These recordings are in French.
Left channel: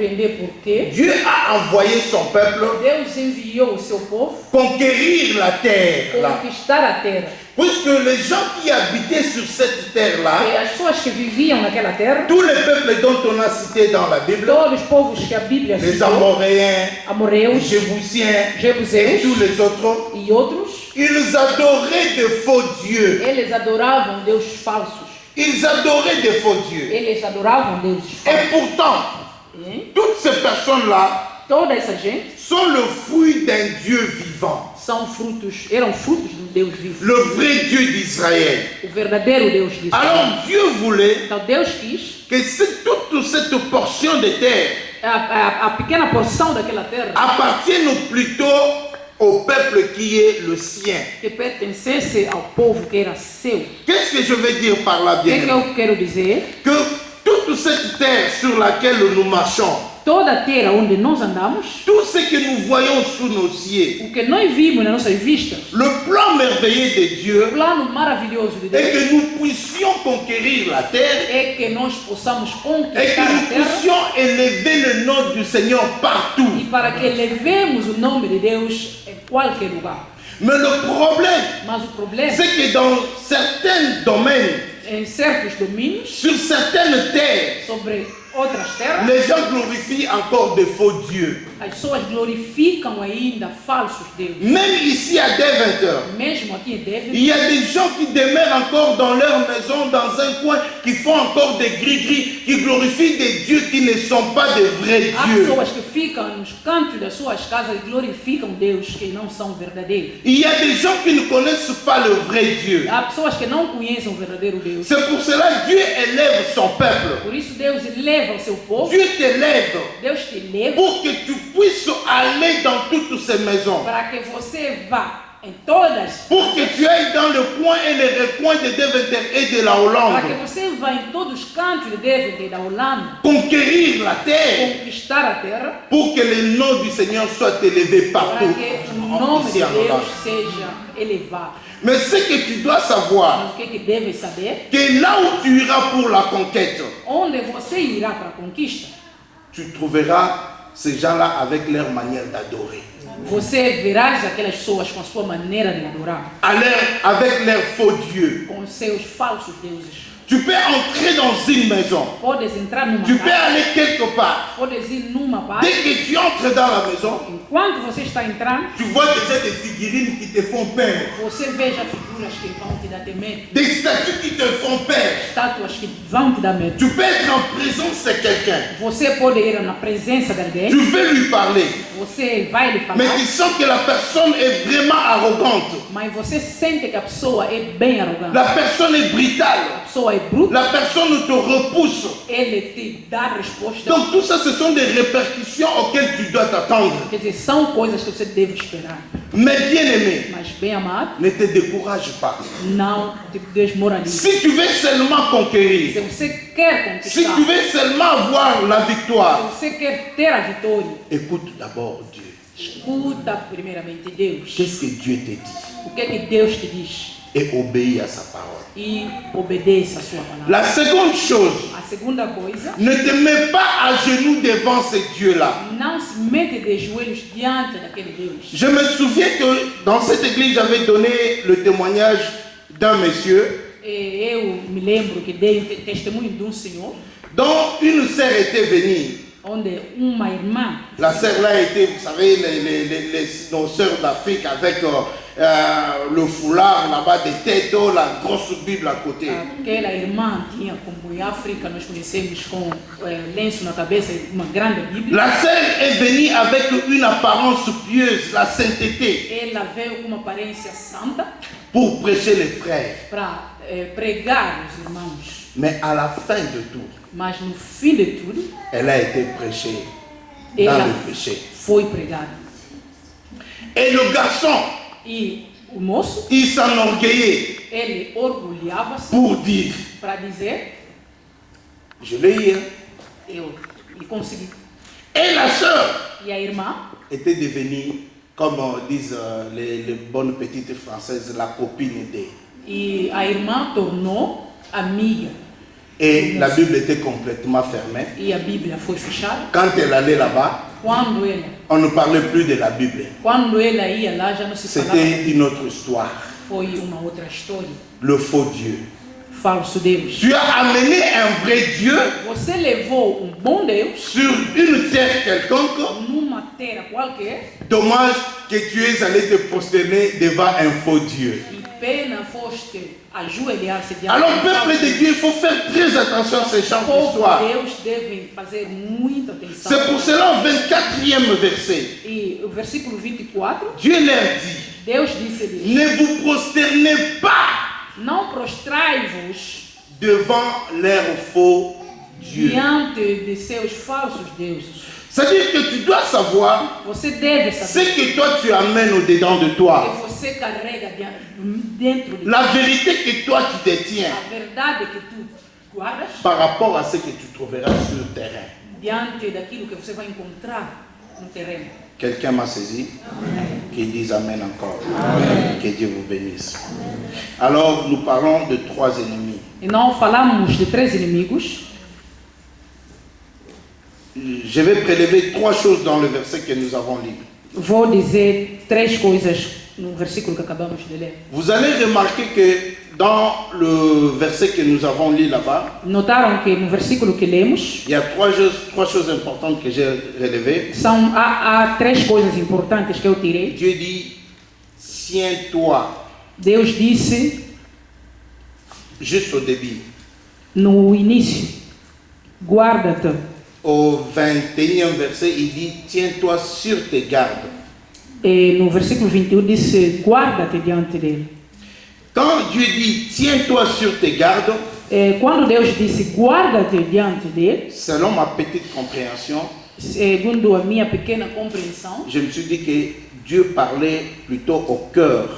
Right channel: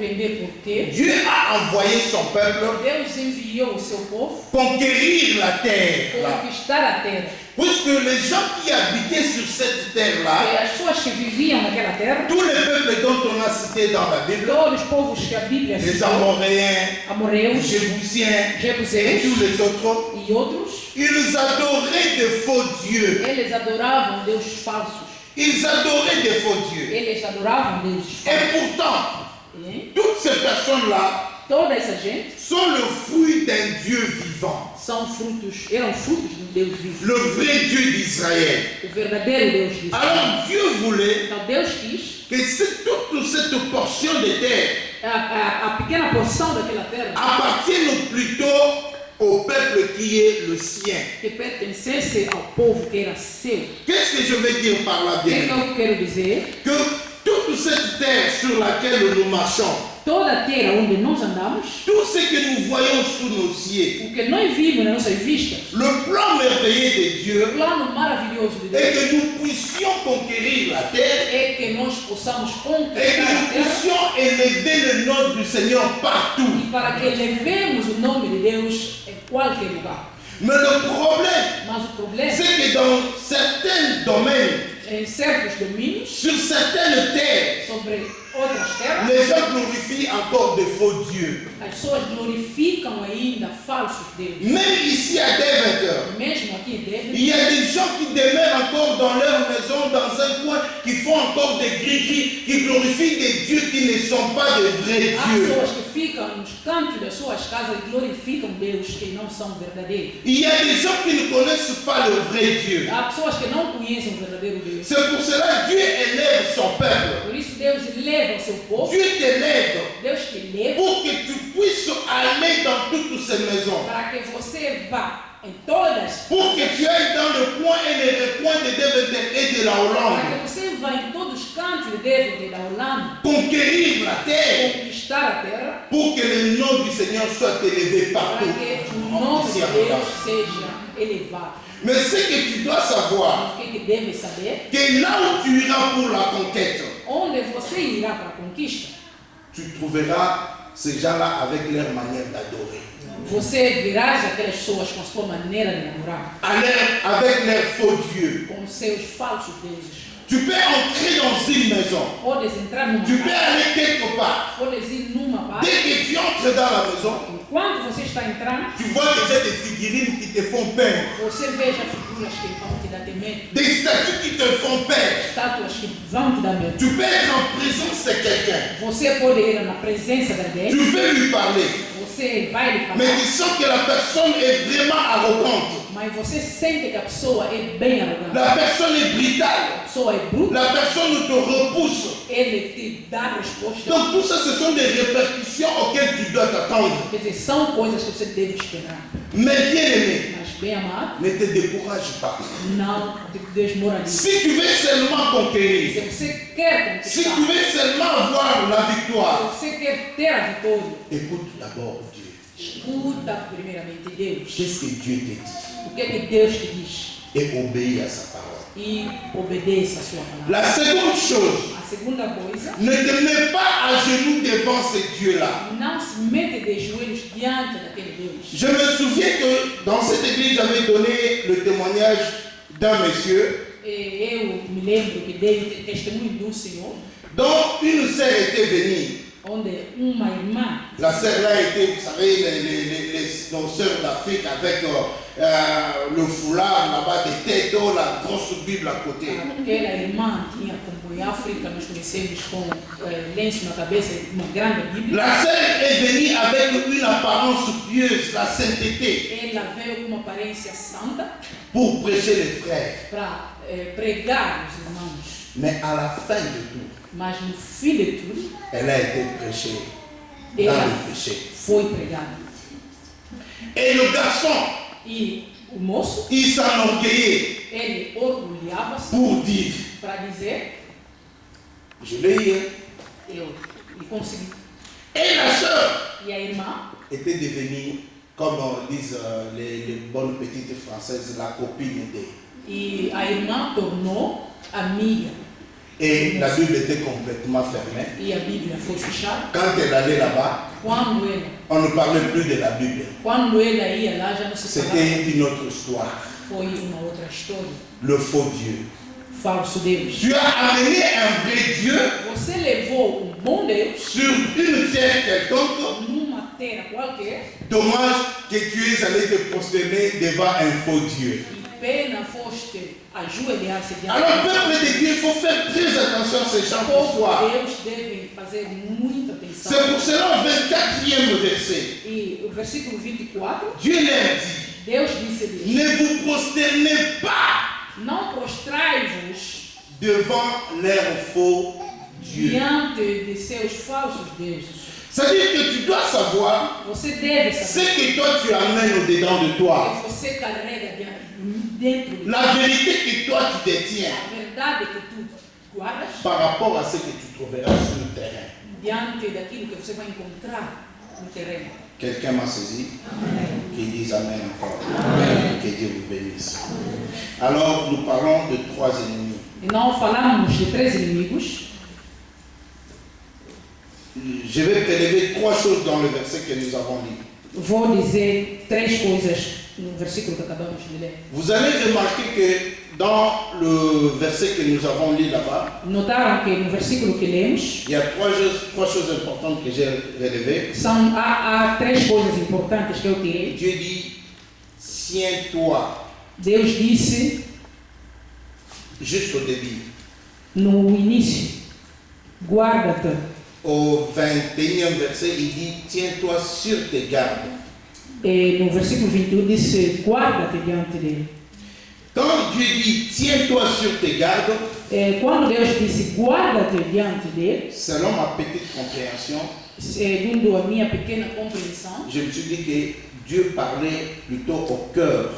compreender porque Dieu a envoyé son peuple Deus enviou o seu povo conquérir la terre. Là. conquistar a terra. Puisque les gens qui habitaient sur cette terre-là, E as pessoas que viviam naquela terra, tous les peuples dont on a cité dans la Bible, todos os povos que a Bíblia les citou, Amoréens, les amorreus, Jébusiens et jebuseus tous les autres, e outros, ils adoraient de faux dieux. eles adoravam deuses falsos. Ils adoraient de faux dieux. Eles adoravam deuses Et falsos. pourtant, E toutes ces personnes-là toda essa gente sont le fruit d'un Dieu vivant, eram frutos de um Deus vivo. le vrai Dieu d'Israël. O verdadeiro Deus de Israel. Alors Dieu voulait Então Deus quis que toute cette portion de terre a pequena porção daquela terra appartienne plutôt au peuple qui est le sien. que pertencesse ao povo que era seu. Qu'est-ce que je veux dire par là, O que é bien que eu quero dizer? Que toute cette terre sur laquelle nous marchons, Toda a terra onde nós andamos, tout ce que nous voyons sous nos yeux, o que nós vimos nas nossas vistas, le plan merveilleux de o Dieu plano maravilhoso de est Deus que nous puissions conquérir la terre é que nós possamos et que conquistar a nous terra puissions élever le nom du Seigneur partout. e para que elevemos o nome de Deus em qualquer lugar. Mais le problème, Mas o problema c'est que dans certains domaines, em certos domínios, sur certaines terres, sobre outras terras, les gens glorifient encore de faux dieux. as pessoas glorificam ainda falsos deuses. Même ici à Deventer, Mesmo aqui em Devon, il y a des gens qui demeurent encore dans leur maison, dans un coin, qui font encore des gris-gris, qui glorifient des dieux qui ne sont pas de vrais há dieux. pessoas que ficam nos cantos das suas casas e glorificam Deus que não são verdadeiros. Il y a des gens qui ne connaissent pas le vrai Dieu. Há pessoas que não conhecem o verdadeiro Deus. C'est pour cela que Dieu élève son peuple. Por isso Deus eleva o seu povo, Dieu t'élève Deus te eleva pour que tu puisses aller dans toutes ces maisons. para que você vá em todas, Pour que tu ailles dans le coin et les recoins de Deventer et de la para Hollande. que você vá em todos os cantos de Devon e da Holanda, Conquérir la terre conquistar a terra, pour que le nom du Seigneur soit élevé para partout. que o nome de Ici en Deus Hollande. seja elevado. Mais ce que tu dois savoir, Mas o que deve saber? que là où tu iras pour la conquête, Onde você irá para a conquista, tu trouveras ces gens-là avec leur manière d'adorer. você verás aquelas pessoas com a sua maneira de adorar, Avec leurs faux dieux. com os seus falsos deuses. Tu peux entrer dans une maison. Podes entrar numa Tu peux casa, aller quelque part. podes ir numa parte. Dès que tu entres dans la maison, Enquanto você está entrando, tu vois déjà des figurines qui te font peur. você veja figuras que vão te dar medo, Des statues qui te font peur. estátuas que vão te dar medo. Tu peux être en présence de quelqu'un. Você pode ir na presença de alguém, Tu veux lui parler. você vai lhe falar, Mais tu sens que la personne est vraiment arrogante. mas você sente que a pessoa é bem arrogante. La personne est A brutale. pessoa é bruta, La personne te repousse. ele te dá resposta. Donc tout ça, ce sont des répercussions auxquelles tu dois t'attendre. Quer dizer, são coisas que você deve esperar. Mais bien aimé, Mas bem amado, ne te décourage pas. não te desmoralize. Si tu veux seulement conquérir, Se você quer si conquistar, tu veux seulement avoir la se victoire, você quer ter a vitória, écoute d'abord Dieu. escuta primeiramente Deus. Qu'est-ce que Dieu te dit? O que é que Deus te diz? Et obéis à sa parole. E obedeça a sua palavra. La seconde chose, A segunda coisa, ne te mets pas à genoux devant ce Dieu-là. não se mete de joelhos diante daquele Deus. Je me souviens que dans cette église, j'avais donné le témoignage d'un monsieur Eu me lembro que dei o testemunho de senhor, dont une sœur était venue. onde uma irmã, La sœur là était, vous savez, nos sœurs d'Afrique avec le foulard là-bas des têtes, la grosse Bible à côté. aquela irmã tinha, como em África nós conhecemos com lenço na cabeça, uma grande Bíblia. La sœur est venue avec une apparence pieuse, la sainteté, Ela veio com uma aparência santa pour prêcher les frères. para pregar os irmãos. Mais à la fin de tout, Mas no fim de tudo, elle a été prêchée dans ela le péché. foi pregada. Et le garçon, E o moço, il s'enorgueillait ele orgulhava-se pour dire, para dizer, je l'ai eu, hein. eu lhe consegui. Et la sœur E a irmã était devenue, comme disent les bonnes petites françaises, la copine d'elle. E a irmã tornou amiga. Et la Bible était complètement fermée. E a Bíblia foi fechada. Quand elle allait là-bas, on ne parlait plus de la Bible. Quando ela ia lá, já não se falava. C'était une autre histoire. Foi uma outra história. Le faux Dieu. Falso Deus. Tu as amené un vrai Dieu Você levou bom Deus sur une terre quelconque. numa terra qualquer. Dommage que tu es allé te prosterner devant un faux Dieu. E pena foste ajoelhar-se diante. Alors, peuple de Dieu, il faut faire très attention à ces champs d'histoire. Deus deve fazer muita atenção. C'est pour cela, au 24e verset, E o versículo 24, Dieu leur dit, Deus disse-lhes: ne vous prosternez pas não prostrai-vos devant leurs faux dieux. diante de seus falsos deuses. C'est-à-dire que tu dois savoir Você deve ce saber que toi tu amènes au-dedans de toi. que você carrega dentro de La vérité que toi tu détiens a verdade que tu guardas par rapport à ce que tu trouveras sur le terrain. diante daquilo que você vai encontrar no terreno. Quelqu'un m'a saisi? Qui dise Amen encore. Amen. Que Dieu vous bénisse. Alors, nous parlons de 3 ennemis. E não falamos de 3 inimigos. Je vais prélever 3 choses dans le verset que nous avons lu. Vou dizer 3 coisas no versículo que acabamos de ler. Vous allez remarquer que dans le verset que nous avons lu là-bas, Notaram que no versículo que lemos, il y a 3 choses importantes que j'ai relevées. há 3 coisas importantes que eu tirei. Dieu dit, tiens-toi, Deus disse juste au début. no início: guarda-te. Au 21e verset, il dit, tiens-toi sur tes gardes. E no versículo 21 disse: guarda-te diante dele. Quand Dieu dit, tiens-toi sur tes gardes, Quando Deus disse: guarda-te diante dele, selon ma petite compréhension, segundo a minha pequena compreensão, je me suis dit que Dieu parlait plutôt au cœur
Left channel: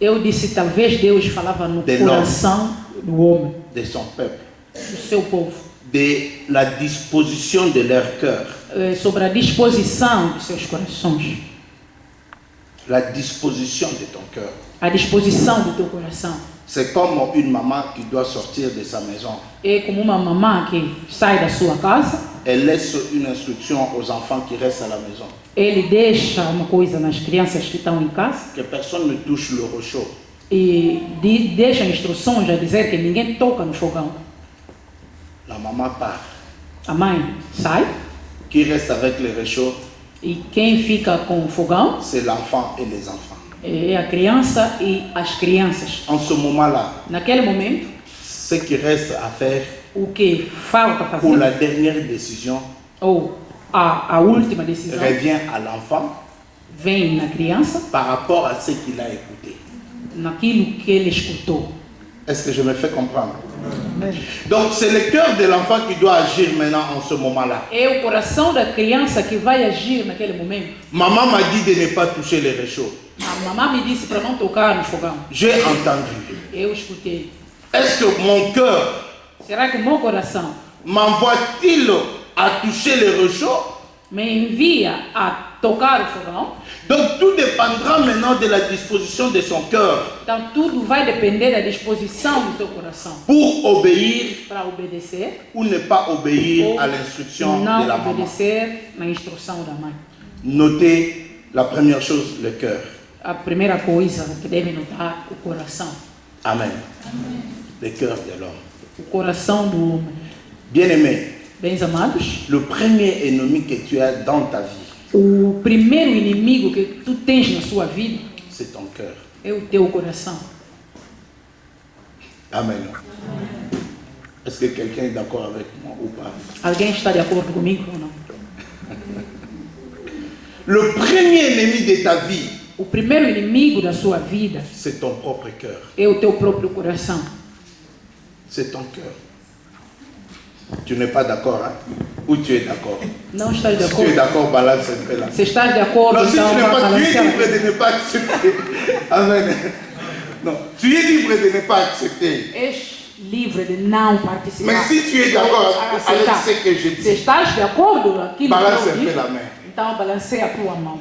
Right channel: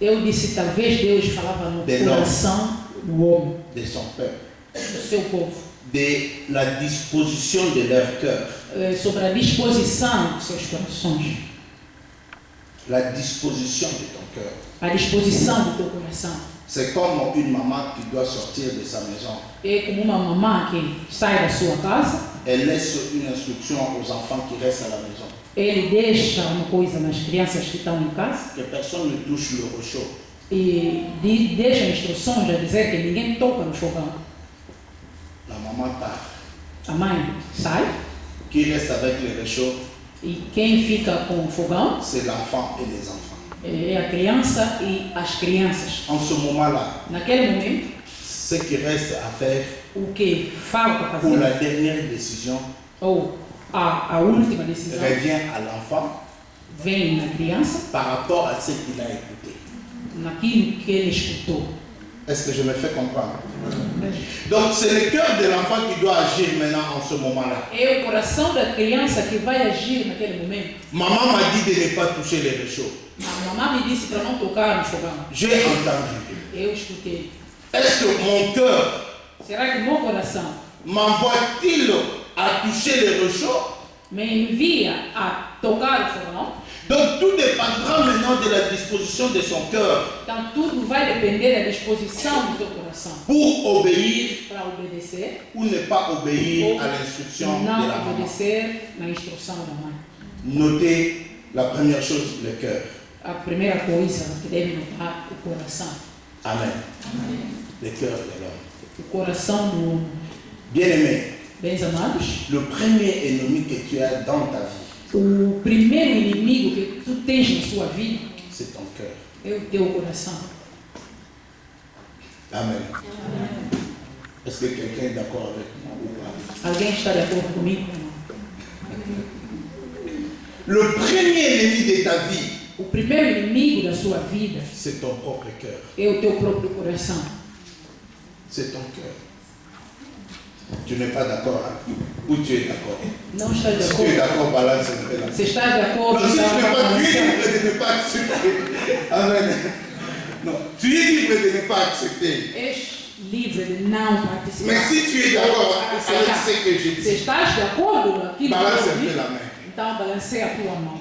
eu disse: talvez Deus falava no De coração do homem, de son peuple, do seu povo, de la disposition de leur cœur. sobre a disposição dos seus corações, La disposition de ton cœur. a disposição do teu coração. C'est comme une maman qui doit sortir de sa maison. É como uma mamã que sai da sua casa, Elle laisse une instruction aux enfants qui restent à la maison. ele deixa uma coisa nas crianças que estão em casa Que personne ne touche le réchaud. e deixa instruções a dizer que ninguém toca no fogão. La maman part. A mãe sai Qui reste avec le réchaud, e quem fica com o fogão c'est l'enfant et les enfants. é a criança e as crianças. En ce moment-là, Naquele momento, ce qui reste à faire o que falta pour la fazer, dernière décision ou a última decisão, revient à l'enfant vem na criança, par rapport à ce qu'il a écouté. naquilo que ele escutou. Est-ce que je me fais comprendre? Donc c'est le cœur de l'enfant qui doit agir maintenant en ce moment-là. É o coração da criança que vai agir naquele momento. Maman m'a dit de ne pas toucher les réchauds. A mamãe me disse para não tocar no fogão. J'ai entendu. Eu escutei. Est-ce que mon cœur Será que meu coração m'envoie-t-il à toucher les réchauds? me envia a tocar o fogão? Donc tout dépendra maintenant de la disposition de son cœur Então tudo vai depender da disposição do teu coração pour obéir para obedecer ou ne pas obéir ou à l'instruction de não la maman. obedecer na instrução da mãe. Notez la première chose, le cœur. A primeira coisa que deve notar o coração. Amen. Le cœur de l'homme. O coração do homem. Bien-aimé, Bens amados, le premier ennemi que tu as dans ta vie, o primeiro inimigo que tu tens na sua vida c'est ton cœur. é o teu coração. Amen. Est-ce que quelqu'un est d'accord avec moi ou pas? Alguém está de acordo comigo ou não? Le premier ennemi de ta vie, O primeiro inimigo da sua vida c'est ton propre cœur. é o teu próprio coração. C'est ton cœur. Tu n'es pas d'accord, hein? Ou tu es d'accord? Não estás de Si tu es acordo? d'accord, balance un peu là. Se estás de acordo, Non, si tu então n'es vai pas, tu es balancear. libre de ne pas accepter. Amen. Non, tu es libre de ne pas accepter. És livre de não participar. Mais si tu es d'accord Ou avec aceitar. ce que je Se dis, estás de acordo com aquilo balance que un eu peu digo, la main. então balanceia a tua mão.